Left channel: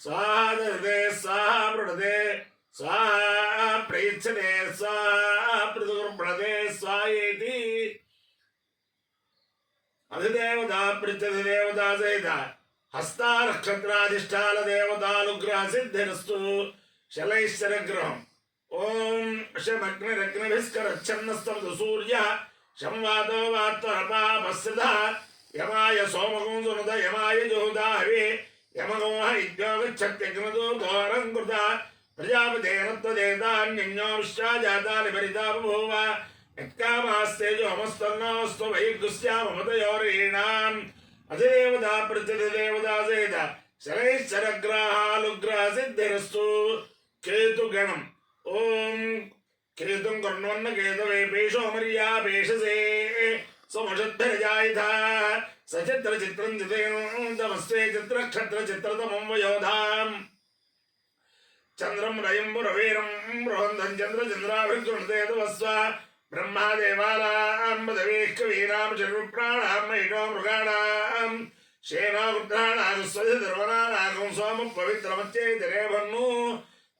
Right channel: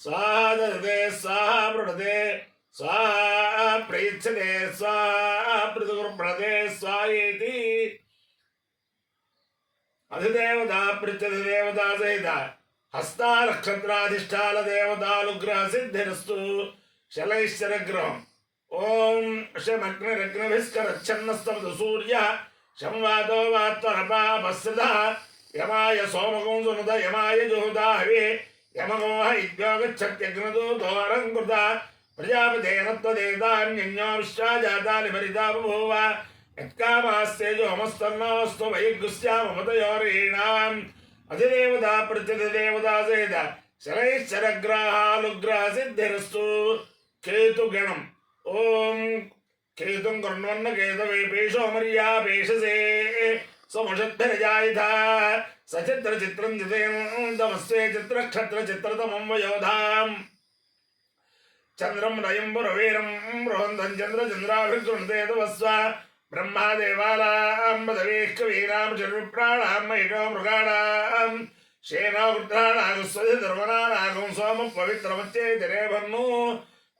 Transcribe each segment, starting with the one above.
स्वाहा ददते स्वाहा प्रणते स्वाहा प्रेच्छते स्वाहा प्रतिगुरुप्रणते स्वाहेति अधिदेवता पृच्छति देवता सहित हस्ता नक्षत्राधिष्ठान देवतानुग्रह सिद्धिरस्तु शलैश्चरग्रहम् ओम शमग्निरग्निभिस्करच्छन्नस्तमतु सूर्यः शंवादो वात्तरपापस्सदा यमाय सोमगं सुनुत यमाय जुहुदाहवे यमगोह इद्योगच्छत्यग्नदो दोरङ्कृता प्रजापतेन त्वदेतान्यन्यो विश्वा जातानि परिता बभूव यत्कामास्तेजो हमस्तन्नोऽस्तु वैगुस्याममतयोरीणाम् अधिदेवता प्रत्यधिदेवता सहित शरैश्चरग्रहानुग्रह सिद्धिरस्तु केतुगणम् ओम केतुं कर्णवन्न केतवे पेशो मर्या पेशसे समुषद्भिर्जायिथा सचित्र चित्रं जितेन्दमस्ते चित्रक्षत्र चित्रतमं वयोधाम् चन्द्रं रयं पुरवीरं बृहन्तं चन्द्रचन्द्राभिर्गृह्णते तवस्व ब्रह्मा देवानां पदवीः कवीनां शर्वप्राणां महिषो मृगाणां शेनावृत्राणागस्वधिर्वनानागं सोमः पवित्रमच्चेतिरे भन्नु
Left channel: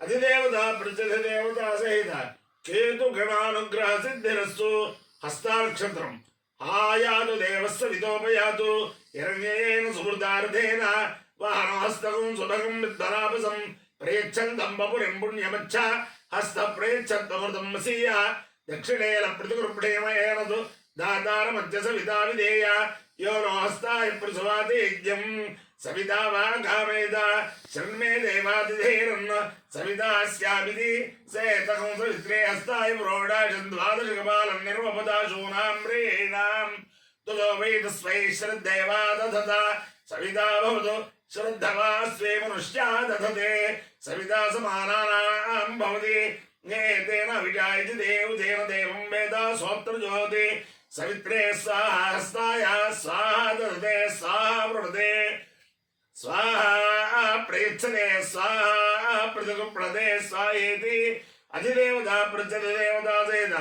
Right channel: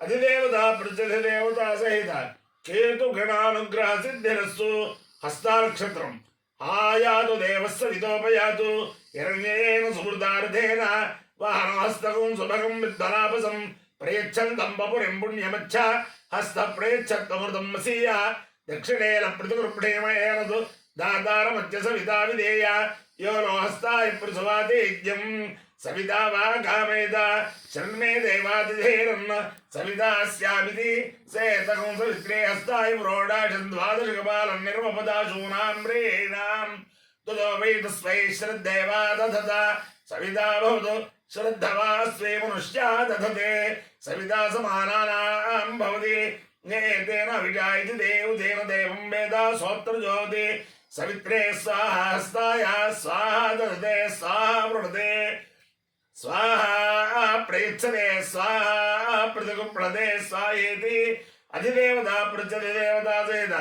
अधिदेवता प्रत्यधिदेवता सहित केतु गणानुग्रह सिद्धिरस्तु हस्तानक्षत्रम् आयातु देवस्य विदोपयातु हिरण्येन सुहृदार्थेन वाहनहस्तकं सुभगं विद्वलापसं प्रयच्छन्तं वपुरिं पुण्यमच्छ हस्तप्रयच्छत्तमृतं मसीय दक्षिणेन प्रतिगृह्णेमयेन तु दातारमध्य सविता विधेय यो नो हस्ताय पृथुवातेज्यं सविता वा कामेत शर्मे देवातिधेरन्न सवितास्यामिति सेतकं सवित्रे हस्ताय प्रोडाशं द्वादशकपालं निर्मपदाशूनां प्रेणां ततो वै तस्मै श्रद्धेवा दधता सविता भवतु श्रद्धवा स्वे मनुष्या दधते सविता समानानां भवति एतेन विजायति देवतेन देवं वेद सोत्र ज्योति सवित्रे स्वाहा हस्ताय स्वाहा दधते स्वाहा प्रणते स्वाहा प्रेच्छते स्वाहा प्रतिगुप्रणते स्वाहेति अधिदेवता पृच्छति देवता सहित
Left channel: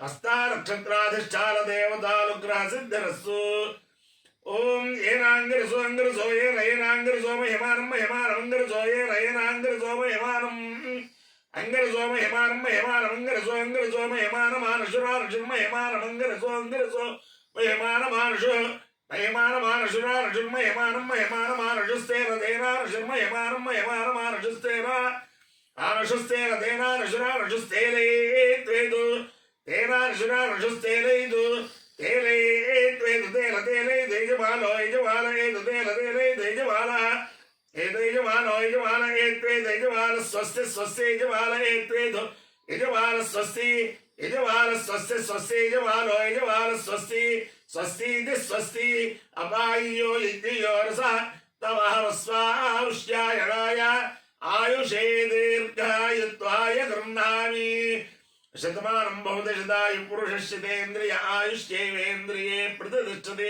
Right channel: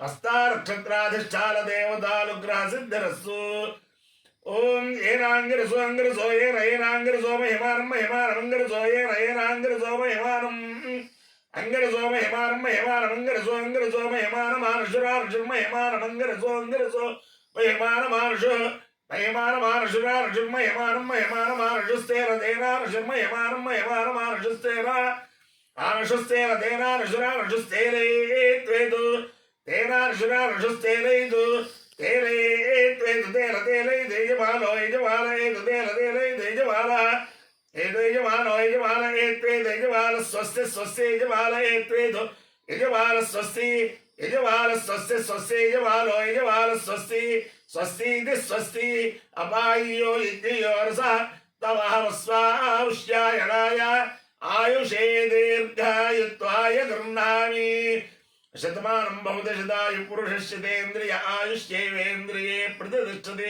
हस्ता नक्षत्राधिष्ठान देवतानुग्रह सिद्धिरस्तु ओम येनांगिरसो अंगिरसो येनांगिरसो महिमानं महिमानं अंगिरसो येनांगिरसो महिमानं अंगिरसो महिमानं महिमानं अंगिरसो अंगिरसो महिमानं मानुषुरार्जुन महिमानं अंगिरसो अंगिरसो महिमानं मानुषु महिमानमानुषुरार्जुन महिमानं महिमानमानुषुस्तेन देनानुषुर महिमानं महिमानमानुषुस्तेन आनुषुस्तेन देनानुषुरानुषुस्तेने त्वेदु तेनानुषुरानुषुस्तेनैदु तेने त्वेदु तेन तेने देजमानो यजमान एतु तेन तेने देजमान एतु यजमानो यजमान एत्वेदु यजमान स्वस्ति स्वस्ति यजमान एत्वेदु यजमान स्वस्ति यजमान स्वस्ति स्वस्ति यजमानो यजमान स्वस्ति स्वस्ति स्वस्ति अपायो यज्ञयोरसः तमहमस्वाहुष्यायणाय आयुषे दीर्घायुत्वाय गृह्णामि शतमानं भवति शतायु पुरुषस्येन्द्रिय आयुष्येवेन्द्रिये प्रतिष्ठते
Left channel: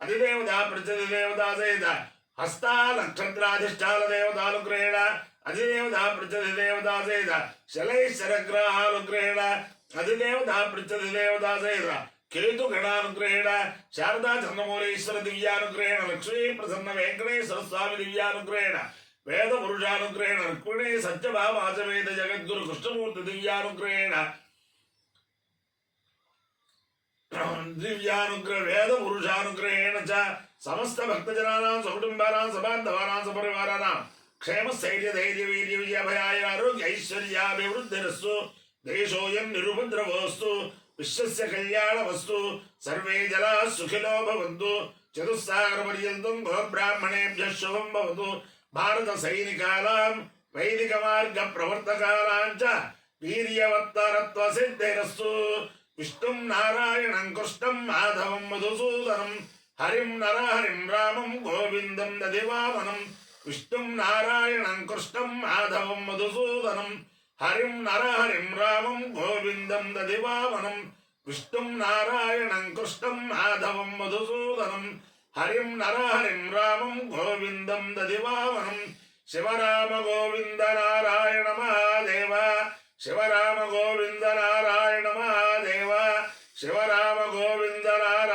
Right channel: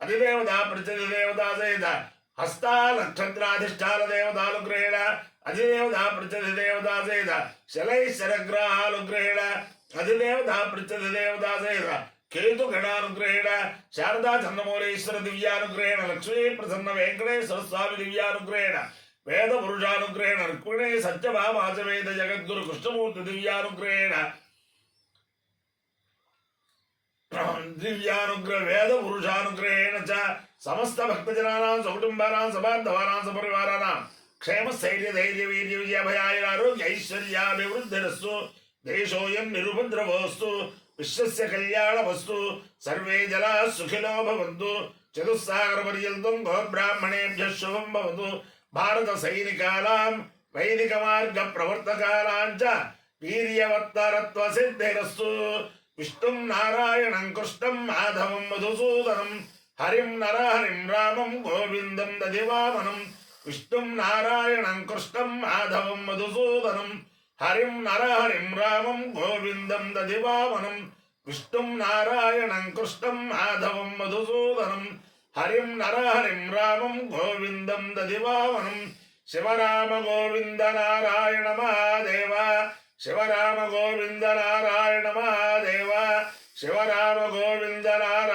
अधिदेवता प्रतिदेवता सहित हस्ता नक्षत्राधिष्ठान देवतानुग्रहेण अधिदेवता प्रतिदेवता सहित शलैश्चरग्रहानुग्रहेण अधिदेवता प्रतिदेवता सहित केतु गणानुग्रहेण शारदा चन्द्रमौलेश्वर दिव्यानुग्रहेण लक्ष्मी प्रसन्न वेंकटेश्वर स्वामी दिव्यानुग्रहेण वेद पुरुषानुग्रहेण रुक्मिणी सत्यभामाचवेद जगद्गुरु कृष्णमूर्ति दिव्यानुग्रहेण दिव्यानुग्रह वेद पुरुषानुग्रहेण च समस्त भक्तजनानां सकुटुम्बानां सबान्धवानां सपरिवाराणां क्षेम स्थैर्य धैर्य वीर्य विजय भयाय आरोग्य ऐश्वर्याभिवृद्धिरस्तु देशोऽयं निरुपद्रवोऽस्तु विश्वस्य कल्याणमस्तु सर्वे जनाः सुखिनो भवन्तु चतुस्सागरपर्यन्तं गोब्राह्मणेभ्यः शुभं भवतु भारत सैनिकानां वैदिक मार्ग प्रवर्तकानां च वीर्यवत्तरत्व सिद्धिरस्तु विष्णुं नारायणं कृष्णं माधवं मधुसूदनं हरिं नरहरिं रामं गोविन्दं दधिवामनं विष्णुं नारायणं कृष्णं माधवं मधुसूदनं हरिं नरहरिं रामं गोविन्दं दधिवामनं विष्णुं नारायणं कृष्णं माधवं मधुसूदनं हरिं नरहरिं रामं गोविन्दं दधिवामनं शिवराम गोविन्द नारायण महादेव शिवराम गोविन्द नारायण महादेव शिवराम गोविन्द नारायण